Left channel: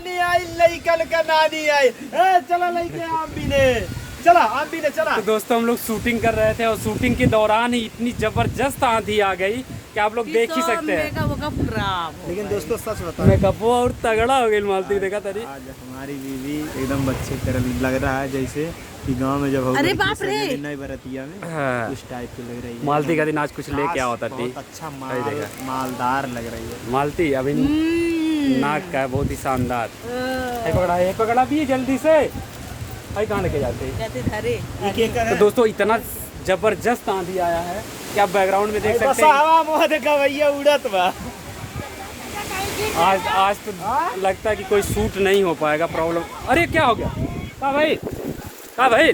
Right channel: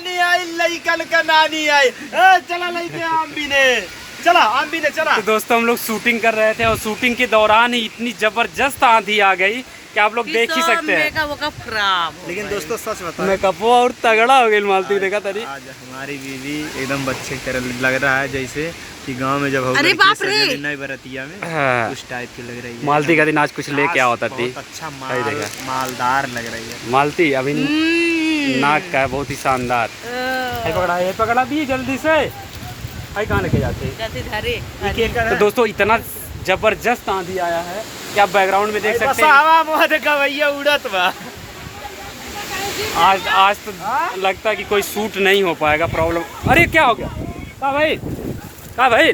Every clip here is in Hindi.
जवानी आई लइकन का नानी आई। चला लेके आम भी ने, चला आम भी ने चला। तो दोस्तों हम लोग शूटिंग कर रहे थे और शूटिंग के दौरान ही इतनी जबरदस्त आंधी आ गई कि आप लोग देख ही सकते हैं। लेकिन दोस्तों सच बताओ, मेकअप और तगड़ा हो गई मालती देखा तरी। आज हमारी बीवी एकदम बच्चे की तरह लग रहा है, जैसे कि गांव में जब अरे बाप रे नई बरतिया में हाँ। उस टाइप की लग रही है। मालती का दिन आज कुछ ले क्या होता थी। बहुत अच्छा मालदार लग रही है मालती अभी नाक का है बहुत ही शानदार। ये पकड़ा भी जल्दी से। आई कहाँ लेके जाते। तो दोस्तों इतना जबरदस्त आंधी आया है कि आप बैकग्राउंड में देख सकते हैं। उड़त बा। आज तो लगता है कि कोई शूट नहीं हो पाएगा, प्रॉब्लम। अरे क्या हो गया, कहाँ भाई, कहाँ भाई,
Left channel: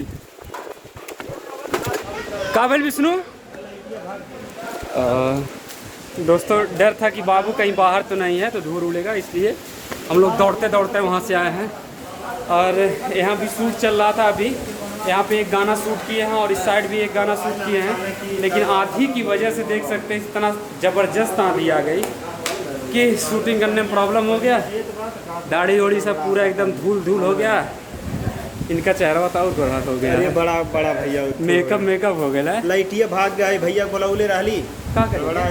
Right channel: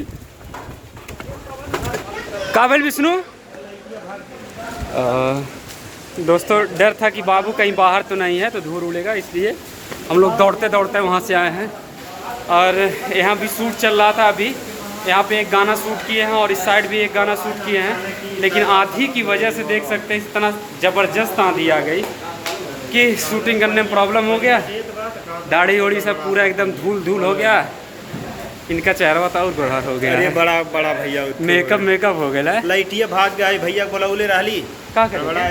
कहाँ भाई विष्णु। दोस्तों डर था कि बाबू कहीं बाहर तो नहीं है तो धूल उड़ेगा, इसलिए हम लोग दौड़ते दौड़ते वहाँ से आए हैं। और यहाँ भी शूट चल रहा था अभी। यहाँ पे एक गाना शूट किए हैं और इस साइड भी एक गाना शूट किए हैं, लेकिन आंधी की वजह से देख सकते हैं इतना ज़बरदस्त आंधी आ गई कि शूटिंग करने में प्रॉब्लम हो गया। दाढ़ी ओढ़ी सब पूरा एकदम धूल धूल हो गया। इनका चेहरा तो और गोरा हो गया। अरे बड़ा बड़ा भैया मेकअप हो गया। लाइटिया भाग गया भैया को लौले रहली का कर बड़ा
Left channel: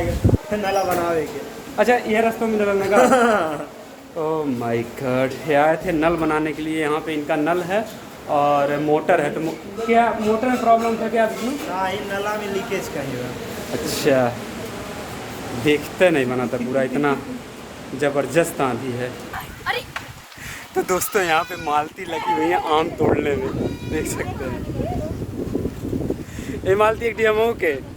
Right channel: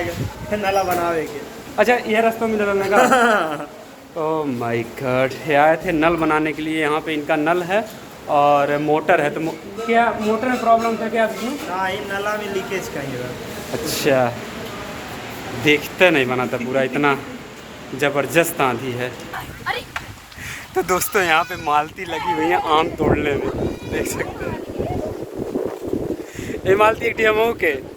नाला बनावे के। अच्छा ये रास्ते में निकलने का। ओह माय गॉड, ये आए थे नल बनाने के लिए। यहाँ पे इनका नल है और मोटर है। तो क्या मोटर में प्रॉब्लम था क्या विष्णु? हाँ, नाला में लीकेज कहीं बा। अच्छा, देखते नहीं बना था पूरा, इतना जबरदस्त आंधी है। तो दोस्तों यहाँ पे मालती लगी हुई है आम तोड़ने में, देख सकते हैं। ये मालती एक डीएमओ के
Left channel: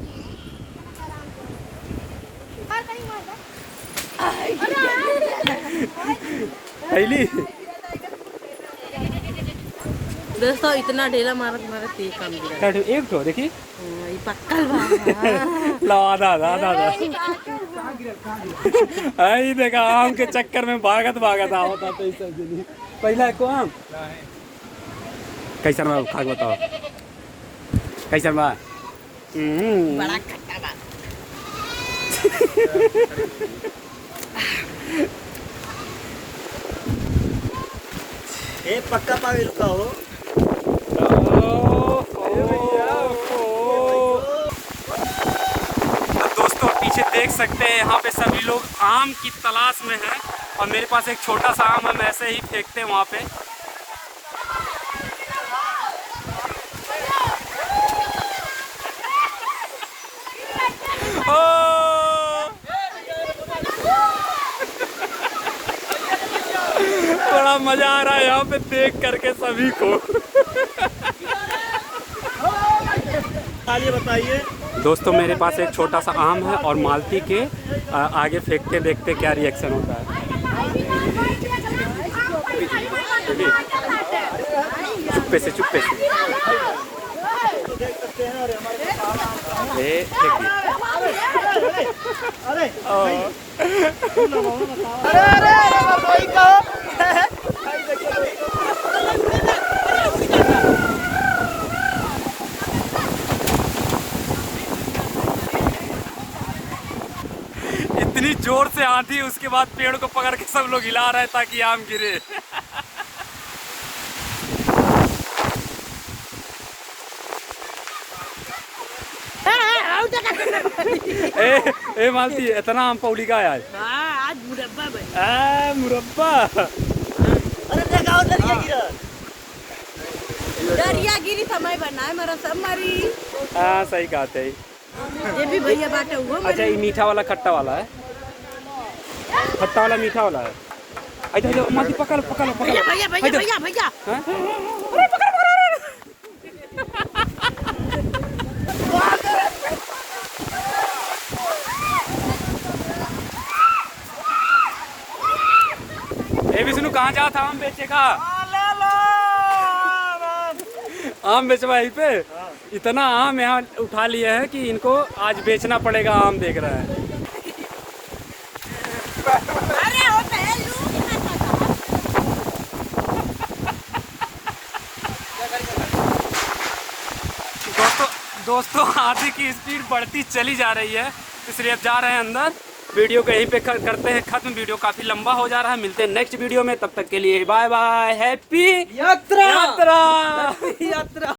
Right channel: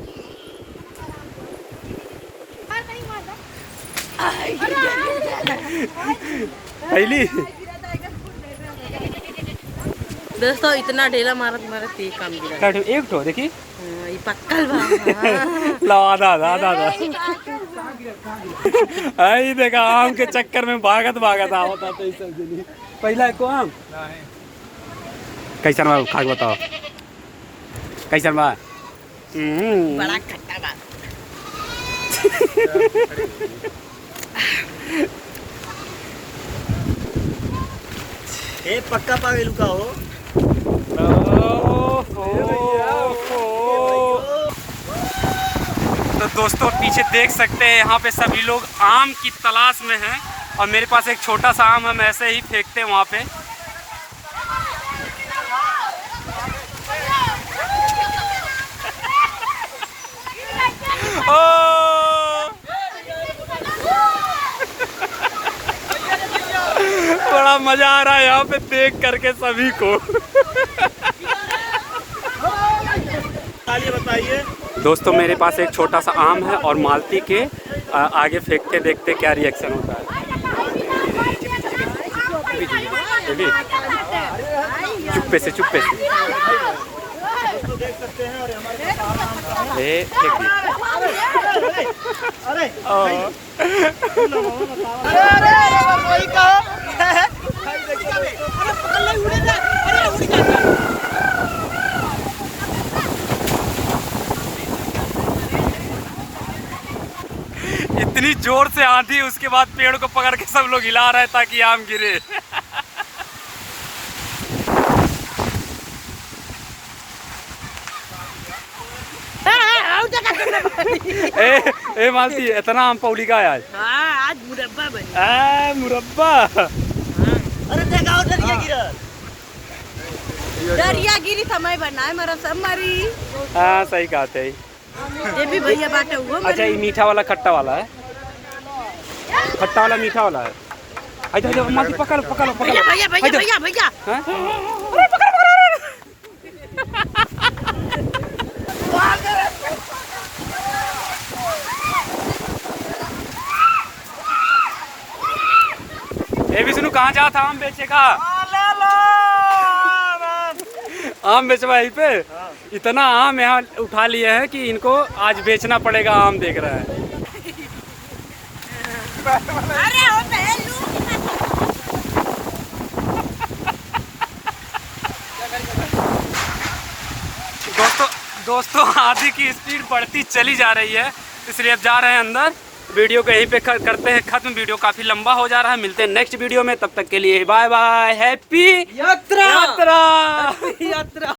पहली। दोस्तों इतना ढेला मारत मारत ये काम गिरा। एक ठो देखी ये पक्कल बा। ला आधा आई देखा आम के चक्कर में भागत आवता तो सब जनी पहला को आम कैसा बा खा बताओ कैसा बा। बड़ा खट्टा बा। ए पक्का पागल का हो। तो दोस्तों पीछे देख सकते हैं यहाँ पे सभी लोग आम की तलाश में हैं और मेरे पास एक छोटा सा आम हम ऐसे ही फेंकते हैं वहाँ पे। बड़ा मजा आ रहा है यहाँ पे देख करके सभी को। बताइए दोस्तों मेरे पास एक छोटा सा आम है और मालती के आगे फेंकते देखते क्या रिएक्शन होता है। चुप्पे से देख सकते हैं। इतनी जोर से आंधी, उसके बाद पेड़ को पकड़ के सब लोग हिला रहे हैं ताकि आम गिरे। ए मालती इतना आम पौड़ी का है आज। आज मुरब्बा बना। मुरब्बा। अरे देखा दरिया गिरी समय बनाए मेरा सब मरी। हाँ सही कहते हैं। ये भी भैया बाटे हुआ। अच्छा ये मीठा वाला खट्टा वाला है, खट्टा वाला मीठा वाला है। अच्छा मालती पकड़ भैया भैया भैया भैया भैया। ए विष्णु कहाँ जा था आम बेचेगा? आम बेचवा यहीं पे। इतना आम यहाँ उठा लिए हैं कि इनको आज बेचना पड़ेगा। आम देख रहा है। अरे ओ पहलू। दोस्तों आंधी की स्पीड बढ़ती चली जा रही है, इसलिए अब जा रहे हैं अंदर वीडियो को यहीं पे करते हैं खत्म। वीडियो काफ़ी लंबा हो जा रहा है। मिलते हैं नेक्स्ट वीडियो में, तब तक के लिए बाय बाय। हैप्पी यात्रा।